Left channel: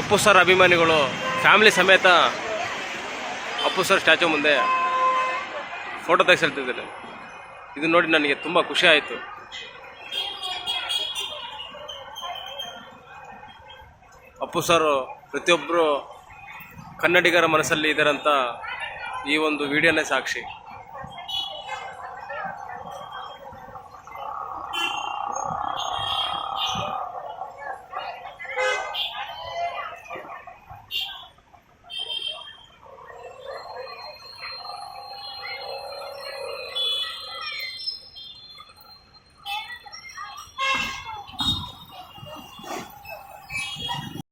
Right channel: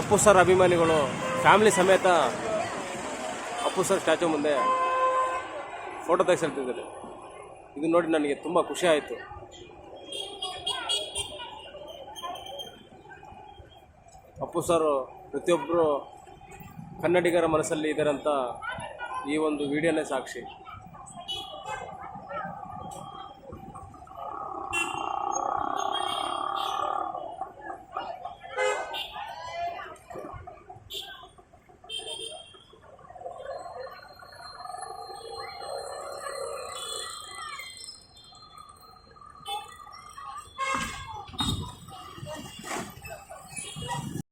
Appu sir ಅಭಿಮಾನಿಗಳು family ಸಮೇತ Appu sir statue ಮುಂದೆ ಫೋಟೋ ತೆಗೆಸಿರ್ತಿದ್ದಾರೆ. ಇದು ನೋಡಿ ನನಗೆ ತುಂಬ ಖುಷಿ ಆಯಿತು. ಅಪ್ಪು ಸರ್ ಪ್ರತಿಯೊಬ್ಬರು ಕನ್ನಡಿಗರ ಮನಸ್ಸಲ್ಲಿ ಇದ್ದಾರಂತ ಈ ಒಂದು ವಿಡಿಯೋನೇ ಸಾಕ್ಷಿ.